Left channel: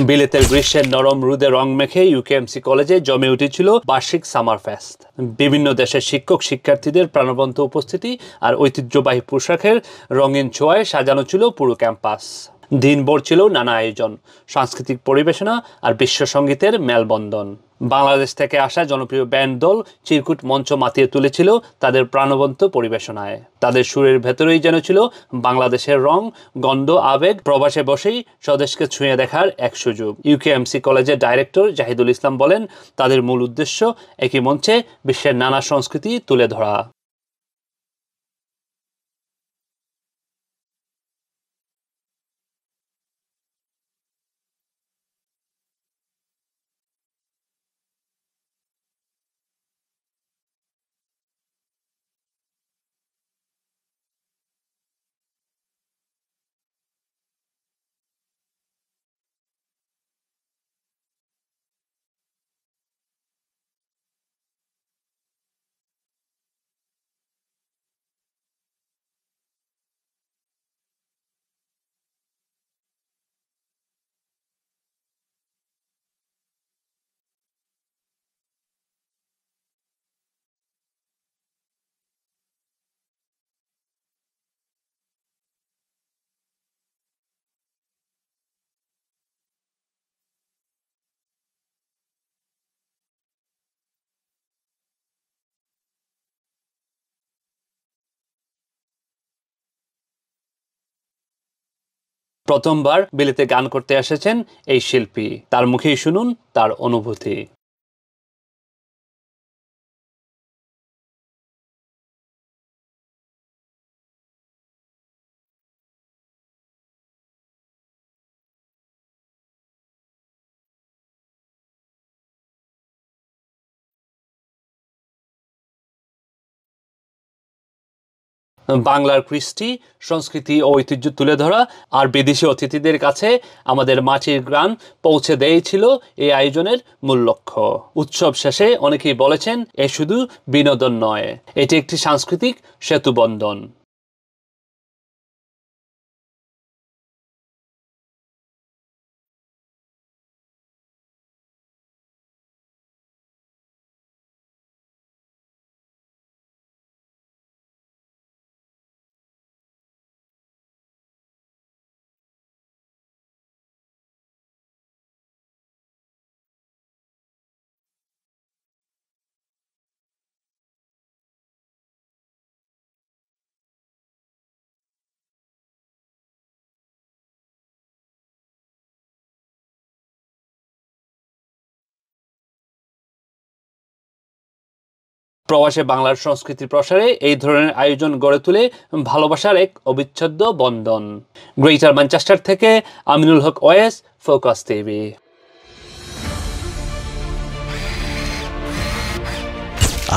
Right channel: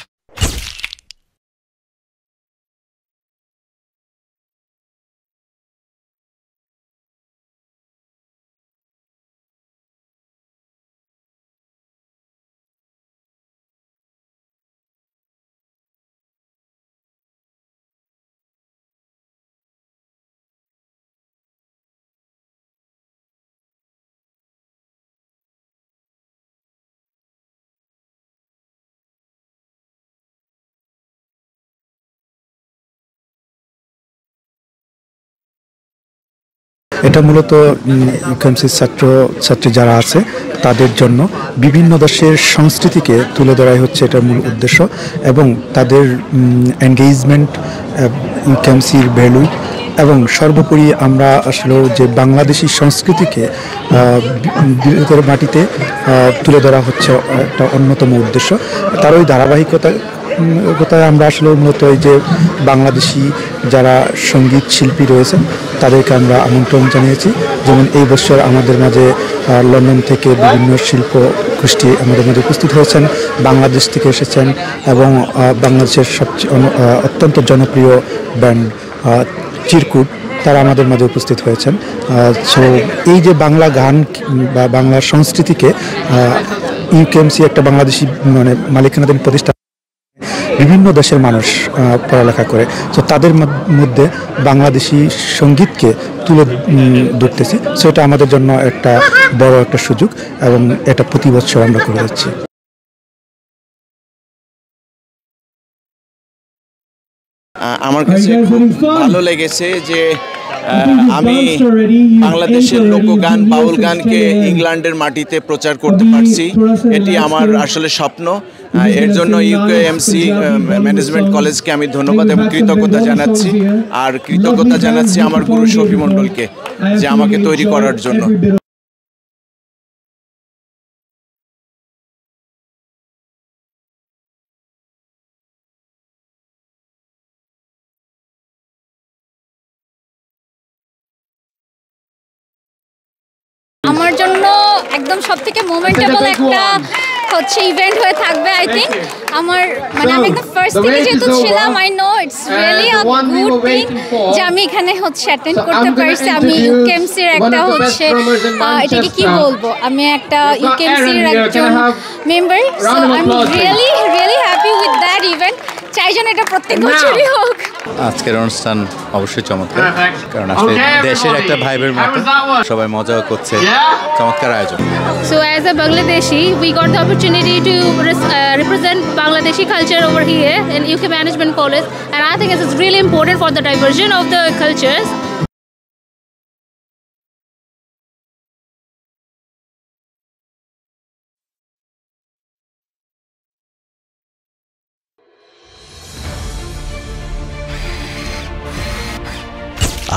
বিলেতের গ্রীষ্মের নরম রোদে রং মেখে ইউকেএমসি কলেজে জমে উঠেছিল বার্ষিক সামার ফেস্ট। বিভিন্ন দেশের শিক্ষক শিক্ষার্থীদের প্রাণবন্ত উপস্থিতি আর ঐতিহ্যবাহী পোশাকের রঙিন ছোঁয়ায় সাজানো ছিল পুরো ক্যাম্পাস। দিনভর ছিল নানা আয়োজন, সাংস্কৃতিক পরিবেশনা আর বিশ্ব সঙ্গীতের মেলবন্ধন। বাংলাদেশ থেকে আসা জনপ্রিয় ব্যান্ড দল চিরকুট মঞ্চ মাতিয়ে তুলেছিল তাদের প্রাণবন্ত পরিবেশনায়। তাদের সুরের ভেতরেই যেন ছিল বাংলাদেশের রং, গন্ধ, আবেগ। প্রবাসে বসেই স্বদেশকে ছুঁয়ে দেখার এক সুযোগ। ইউকেএমসি কলেজের ডাইরেক্টর জাহিদুল ইসলাম বলেন, তাদের মূল উদ্দেশ্য একই মঞ্চে বিশ্বের নানা সংস্কৃতি তুলে ধরা। এটা মূলত ইউকেএমসির ছাত্রছাত্রী যারা আছে তাদের জন্য বিভিন্ন দেশের সংস্কৃতিকে তুলে ধরাই হচ্ছে এটার মূল উদ্দেশ্য, এবং তাদের এনগেজমেন্ট, ইউকেএমসির ভ্যালু এবং সর্বোপরি আমরা আসলে যে বাংলাদেশি সংস্কৃতিকে বিলেতের মাটিতে তুলে ধরা হচ্ছে একটা অন্যতম উদ্দেশ্য। তার ওই ধারাবাহিকতায় আমরা আসলে মূলত এই যে বাংলাদেশি যারা সঙ্গীত শিল্পী রয়েছেন তাদেরকে আমরা আমন্ত্রণ জানিয়েছি। যেমন এই বছর আমাদের মাঝে লন্ডন থেকে বিভিন্ন শিল্প গোষ্ঠী আমাদের মাঝে উপস্থিত হয়েছেন, বাংলাদেশ থেকে এসেছেন, এবং বাংলাদেশের সবচেয়ে অত্যন্ত জনপ্রিয় ব্যান্ড চিরকুট তারা আমাদের মাঝে উপস্থিত হয়েছেন। সো এই যে বাংলা গান বা বাংলা সংস্কৃতিকে ইউকেএমসি একটা বাংলাদেশি মালিকানাধীন প্রতিষ্ঠান, বিভিন্ন দেশের মানুষ পড়ালেখা করে, তো তাদের মধ্যে বাংলাদেশি সঙ্গীতকে তুলে ধরতেছি। সো এটা আমাদের জন্য একটা বড় একটা সুযোগ, এবং এটা প্রতি বছর আমরা করে যাচ্ছি। প্রথমবার বিলেতে গান করতে এসেছেন এই শিল্পী, তার মুখেই শুনুন তার অনুভূতি। আমার কাছে খুব ভালো লেগেছে যে আমি বাংলাদেশের লোকগান, বাউল গানকে ইংল্যান্ডের মাটিতে প্রচার করতে পারছি। এটি আমার আসলে স্বপ্ন। এর জন্য ইউকেএমসি ম্যানেজমেন্ট কলেজকে আমি ধন্যবাদ এবং কৃতজ্ঞতা জানাচ্ছি। আর কৃতজ্ঞতা জানাচ্ছি আমার গুরু শফি মণ্ডলকে যে আমাকে তৈরি করার জন্য। বাংলার কৃষ্টি, সংস্কৃতি ও ঐতিহ্য তুলে ধরা আর বিদেশি অতিথিদের কাছে আমাদের মাটির গান পৌঁছে দেয়াই ছিল এই আয়োজনের মূল লক্ষ্য। উৎসব শেষে অনেকেই বলেছেন, এ শুধু বিনোদন নয়, এটি একটি সাংস্কৃতিক সেতুবন্ধন। আমার জন্য একদম সবথেকে মোমেন্টেবল একটা হচ্ছে ইভেন্ট হয়ে থাকবে। আই থিঙ্ক আমার আমি একদম ফার্স্ট থেকে যেহেতু ছিলাম, I know it's really a good thing যে আমি এখানে হচ্ছে অ্যাটেন্ড করতে পারছি। আমি ইউকেএমসির একটা হচ্ছে এটাকে কি বলবো, আমি একটা ইউকেএমসির একজন member, so I am really happy with that event. চাই যেন এটা প্রত্যেক বছরই হোক। আজকের অনুষ্ঠান অবশ্যই চমৎকার, কারণ আসলে দেশের একটা ভাইবের মতো সবাই মজাও করছে, চমৎকার আয়োজন। So as a Bangladeshi, we got the opportunity to represent Bangladeshi culture over here in UK Management College, and I think this is really important for the diversion of the cultures. প্রবাসে বাংলার সংস্কৃতির প্রসারে এই ধরনের আয়োজন গড়ে তুলে ভালোবাসার এক অবিচ্ছেদ্য বন্ধন। গ্রেটার ম্যানচেস্টার থেকে আমিনুল হক ওয়েস, ফোকাস টিভি।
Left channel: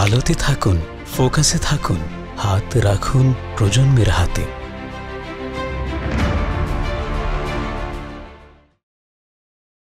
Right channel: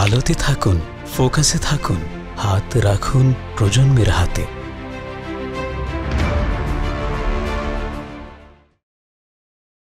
আলোতে থাকুন, ফোকাসে থাকুন, হাত রাখুন প্রজন্মের হাতে।